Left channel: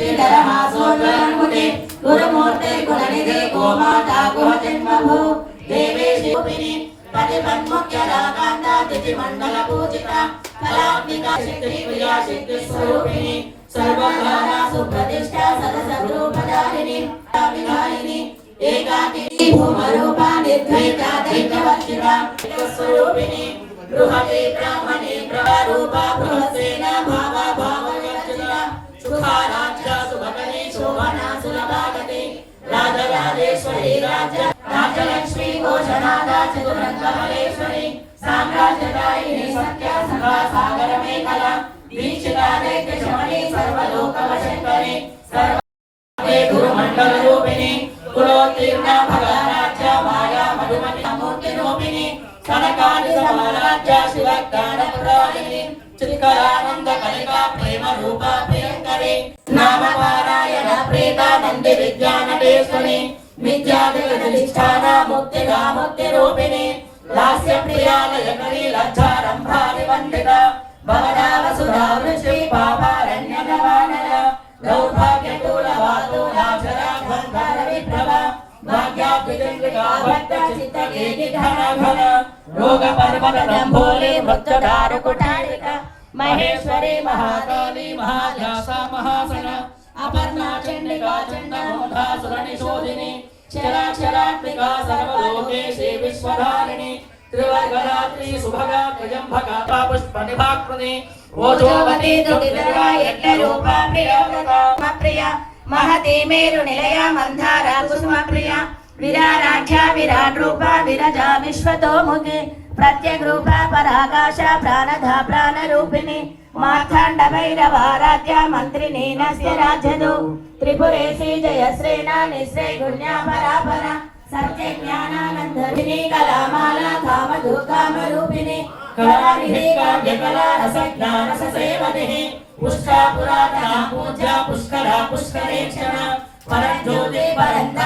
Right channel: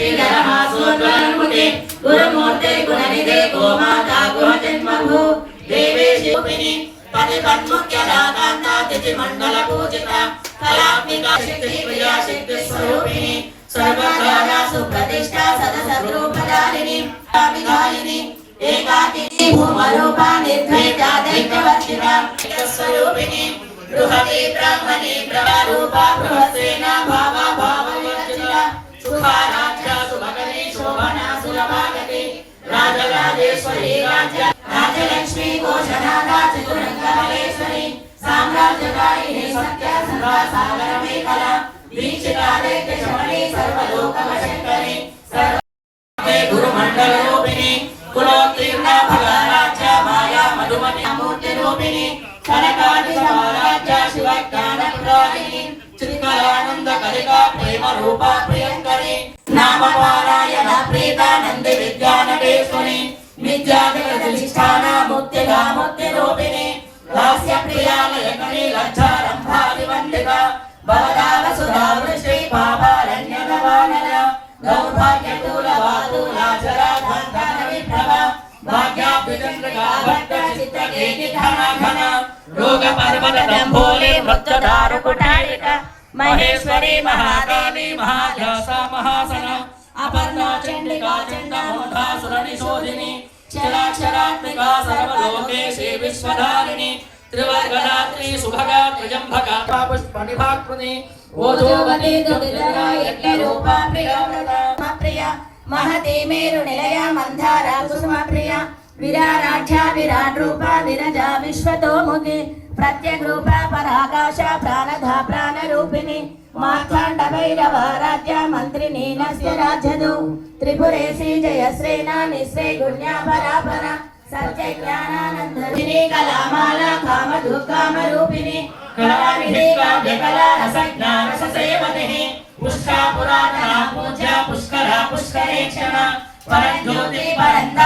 श्रीधरमासोद्वरन्मुखे गुरुमूर्ते गुणनिधे गोमाता गुहजन्मभू देवे शिवपिनी पतिपन्मुख्यदाकान्तातिथिमण्डलपूजिता कलात्मिका शक्तिप्रिया शक्तिस्वरूपिणी सर्वकारा सुप्रतिष्ठा सदसद्रूपधारिणी विधायिनी एकाकिनी भूमरूपा निर्द्वैता दैत्यवर्जिता स्वरूपिणी बृहती ब्राह्मणी ब्रह्मरूपा बृहस्सेना भावा भाववर्जिता सुखाराध्या सुभगनी शोभना सुलभागति राजराजेश्वरी राज्य राजलक्ष्मी घोषणादा चतुरङ्गमलेश्वरी साम्राज्यकारिणी सत्य संघा सागर मेखला दीक्षिता दैत्यशमनी सर्वलोकवशङ्करी सर्वे गुरुमण्डलरूपिणी कुलोत्तीर्णा भगाराज्या माया मधुमती मूर्तिरूपिणी कनकादि समाराज्या शिवज्ञानप्रदायिनी चित्कलानंद कलिका प्रेम रूपा प्रियंकरी नामपारायण प्रीता नंदी विद्यानटेश्वरी विद्याधिष्ठान मुक्तिदा मुक्तिरूपिणी लास्य प्रियालयकरी लज्जारंभादिवंदिता भवदावसुधा वृष्टि पावारण्यगवानन दौर्भाग्यतूलवातूलाचराधन्धरविभ्रम भाग्याब्जचन्द्रिका भक्तचित्तकेकिघनघन रोगपर्वतदम्भोले वृत्तदारुकुटारिक महेश्वरी महादेवी महाध्यासा महासना अपर्णा चण्डिका चण्डमूढा सुरनिशोधिनी क्षराक्षरात्मिका सर्वलोकेशी विश्वधारिणी त्रिवर्गदात्री सुभगा त्र्यंबका पुष्पनिभाकृति ओजोवती दुर्गा यज्ञरूपा प्रियव्रता प्रिया महती मेरु निलया मंधारा कुसुम प्रिया विराराध्या विराट रूपा विरजा विश्वतोमुखी प्रत्यग रूपा पराकाशा प्राणधा प्राणरूपिणी मार्तांड भैरवाराध्या मंत्रिणी नस्य राजदो त्रिपुरेशी जयश्रेना निश्रे गुण्या परापरा सत्य ज्ञानानंदिनी कलामाला कामधु कामरूपिणी कलानिधि काव्यकला रसज्ञान ससेवतिः पुष्का पुरातना पूज्या पुष्करा पुष्करेक्षणा परज्योति परन्ता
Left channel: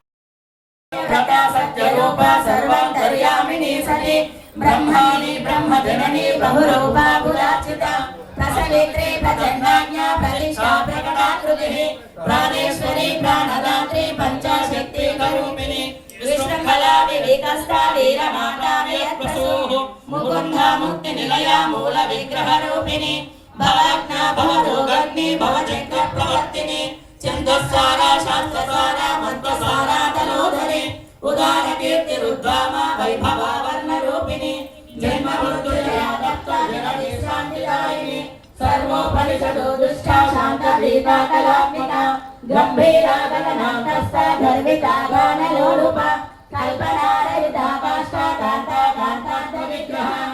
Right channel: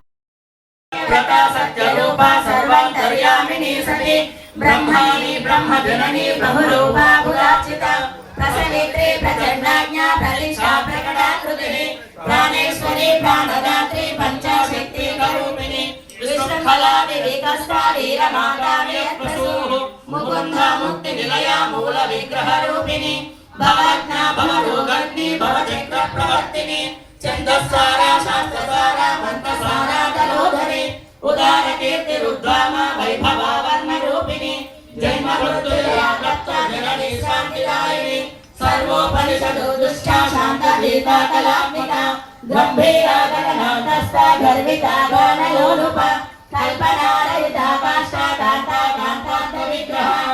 प्रता सत्यरूपा सर्वान्तर्यामिनी सती ब्रह्माणि ब्रह्मजननी बहुरूपा कुलार्चिता प्रसवित्रे प्रचण्डाज्ञा प्रलिष्टा प्रकटाकृतिः प्राणेश्वरी प्राणदात्री पञ्चाशक्ति करूपिणी विष्णुफलानि विकस्ता वीरमाता वेत्वसूः मुकुन्दा मुक्तिनिलया मूलविग्रहरूपिणी भवाज्ञा भवरोगग्नि भवचक्रप्रवर्तिनि छन्दस्सारा शास्त्रसारा मन्त्रसारा तलोधरी उदारकीर्तिरुद्धामा वैभवावर्णरूपिणी जन्ममृत्युजया तत्त्वा जननी शान्तिदायिनी सर्वोपनिषदो दुष्टा शान्तदीपा कलात्मिका गम्भीरा गगनान्तस्था गर्विता गानलोलुपा कल्पनारहिता काष्ठा कान्ता कान्तान्तविग्रहा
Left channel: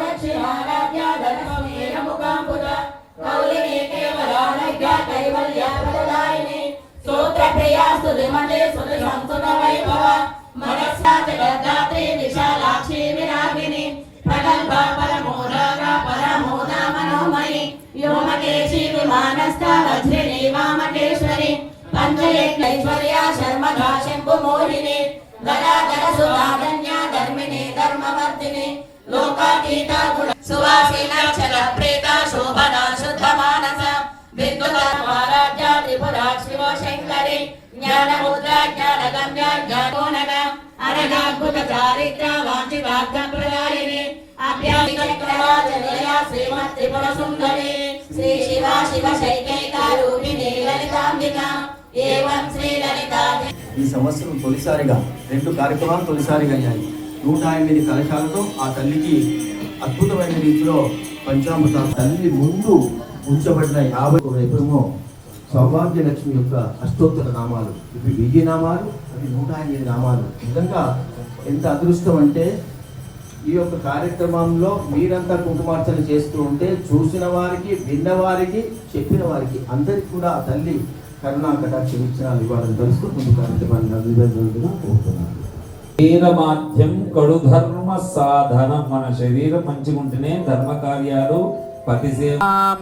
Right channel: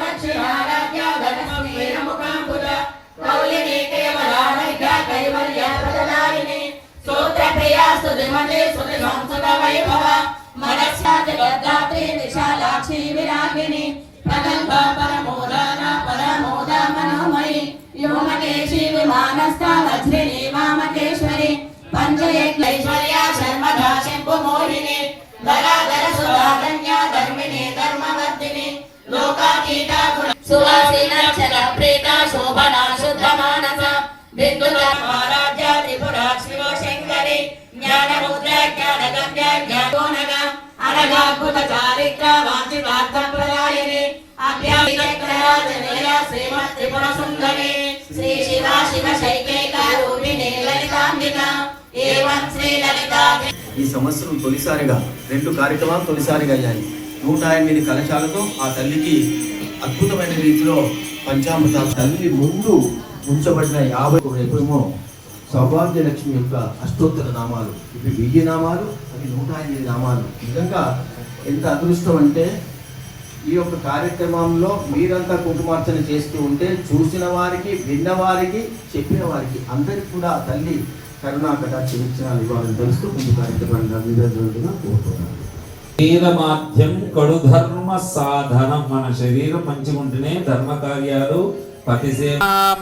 दक्षिणाराध्या गणस्वीरमुखाम्बुजा कौलिनी केवलानैक्या कैवल्याप्रदायिनी स्तोत्रप्रिया स्तुतिमते स्तुतिसंस्तुतवैभवा मनस्या जगद्धात्री विशालाक्षी विरागिनी प्रगल्भा परमोदारा परमोदा मनोमयी व्योमकेशी विमानस्था वज्रिणी वामकेश्वरी पंचयज्ञैश्वर्या शर्मधा शम्भुमोहिनी धराधर सुधाधन्या धर्मिणी धर्मवर्धिनी लोकातीता सुवासिनाक्षर प्रेता शोभना शुद्धमानसा विद्युता महाराज्या त्रिपुरा शिवशङ्करी ज्ञानमुद्रा ज्ञानगम्या ज्ञानोनगा अनगाद्भुत चारित्रा वाञ्छितार्थप्रदायिनी अभ्यासक्तराजनिलया श्रीमत् त्रिपुर सुन्दरी श्री शिवा शिवशैकैका रूपिणी ललिताम्बिका एवं श्री ललिता। ఈ సంవత్సరం తొలిసారిగా 2 కార్యక్రమాలు తొలిసారిగా అయ్యాయి. 108 కలశాలతో ఆ తల్లికి అద్భుతమైన రీతిలో పంచామృత తల్లి ముందు ఉంచబడిన 50 రేపేమో సౌభాగ్యలక్ష్మి యొక్క అష్టోత్తర నామాలు, ఇవి 1000 నామాలు, అవి 108 నామాలు. నిజంగా ఎంత అదృష్టం అంటే ఈ యొక్క కార్యక్రమంలో మీరంతా కుంకుమార్చన చేస్తూ ఉంటే చూసిన వారికి, విన్న వారికి, చెప్పిన వారికి అందరికి కూడా ఆ తల్లి కరుణా కటాక్ష వీక్షణాలు ఇవ్వాలని తెలుస్తూ ముందు కార్యక్రమాన్ని నివేదనగా కోరుతున్నాను. శరీరమాధ్యం కడు ధర్మ సాధనం. మన శరీరం మంచిగా ఉంటేనే ధర్మ కార్యాలు పతిసే.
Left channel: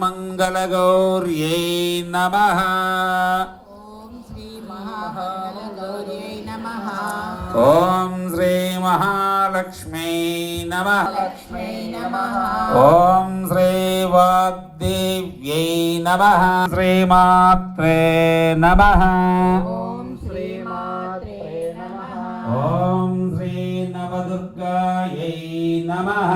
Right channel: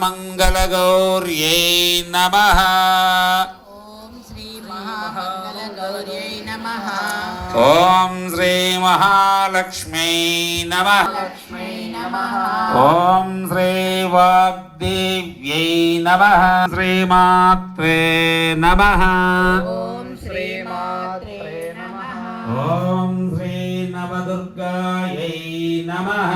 మంగళగౌర్యై నమః. ఓం శ్రీ మహామంగళగౌర్యై నమః. ఓం శ్రీ మహాలక్ష్మీ నమః. లక్ష్మీ నమః. ఓం శ్రీ వాగ్దేవ్యై నమః. శ్రీమాత్రే నమః. ఓం శ్రీమాత్రే నమః. ఓం శ్రీ నవదుర్గాయై నమః.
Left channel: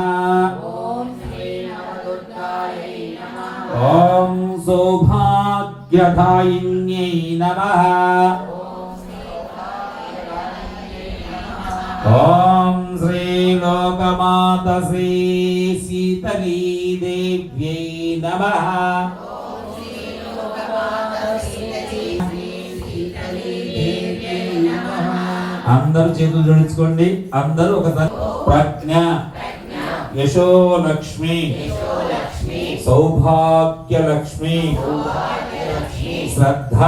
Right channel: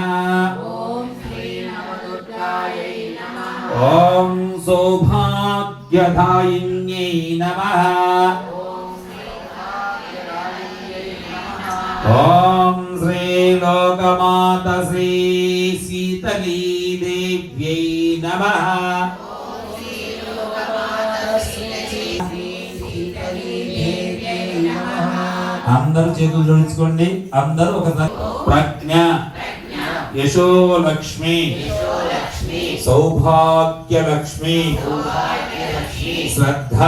ఓం శ్రీ నవదుర్గాయై నమః. ఓం సౌభాగ్యదాయిన్యై నమః. ఓం శ్రీ లోకమాత శ్రీ శీతలీ దేవ్యై నమః. అందరూ చేతులు జోడించుకోండి. అందరూ ఒకసారి ప్రజ్ఞ, యశోలక్ష్మి, సౌభాగ్యలక్ష్మి, శ్రద్ధ,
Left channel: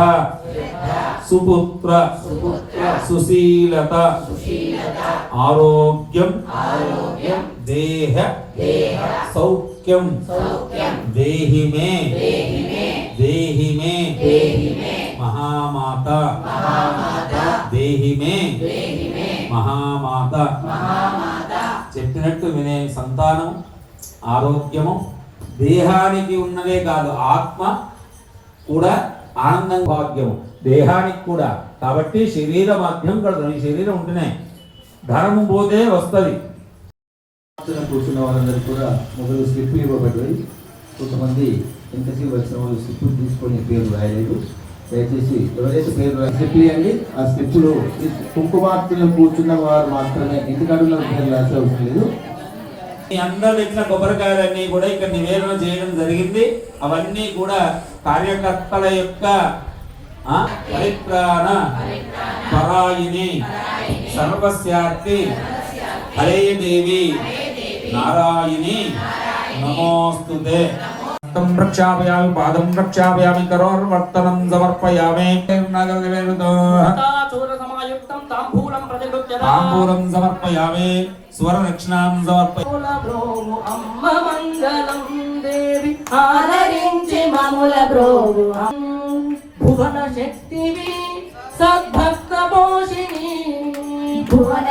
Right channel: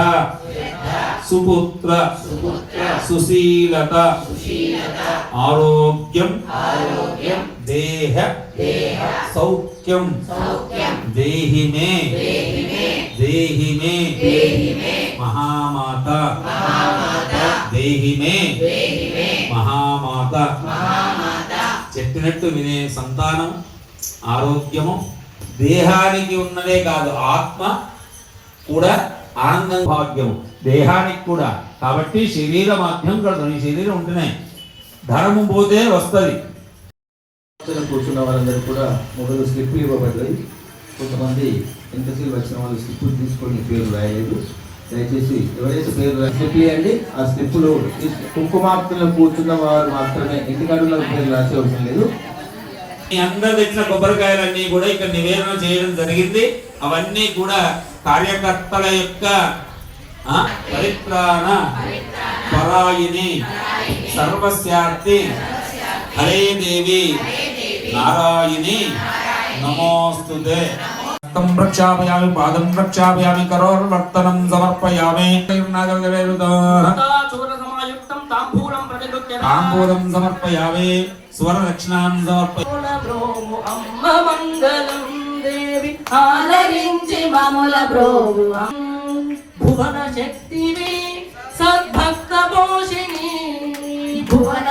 సుపుత్ర, సుశీలత, ఆరోగ్యం, దేహ సౌఖ్యం దేహి మే, దేహి మే మహామాత, దేహి మే మహామాత. చెప్పినట్టు వినే సంతానం, ఆరోగ్యము, దేహానికి ఉన్నదే కాదు ఆత్మ కూడా ఆనందం, భాగ్యం దేహానికి కూడా. కాబట్టి శరీర మాధ్యం కలదు. ఈ శరీరం ఉంటేనే ధనము పోతే వస్తుంది. కూర్చున్న వాళ్ళందరూ కూడా మొదలు స్లిప్పులు ఇవ్వబడ్డాయి. కొంతమంది ఎంతసేపు వచ్చిన వాళ్ళు స్లిప్పులు తీసుకొని పేరు రాయలేదు. దయచేసి ఎవరైతే పేరు స్లిప్ ఇవ్వండి. ఆ స్లిప్పులు కుంకుమార్తెలో కూర్చున్న వారు మాత్రమే, ఇంటికాడులో పేరు రాసే అవసరం లేదు. మీ అందరు తెచ్చిన కొబ్బరికాయలన్నీ కూడా ఇక్కడ నివేదన చేయడం జరిగింది. అవన్నీ కూడా కార్యకర్తల యొక్క పరిత్రాణ పరాయిని సర్వస్యార్థి హరే దేవి నారాయణి నమోస్తుతే. హస్తం ప్రక్షాళయామి, పాదం ప్రక్షాళయామి, కరోర్వర్తనం సమర్పయామి. చూరసమాయుక్తం తాంబూలం ప్రతిగృహ్యత. తాంబూలం సమర్పయామి, స్వరదక్షిణాం సమర్పయామి. అమ్మ మంగళం దేవి ఆదరించి మముల బ్రోవు భువన శక్తివి సద్భక్త పోషిణి. భువన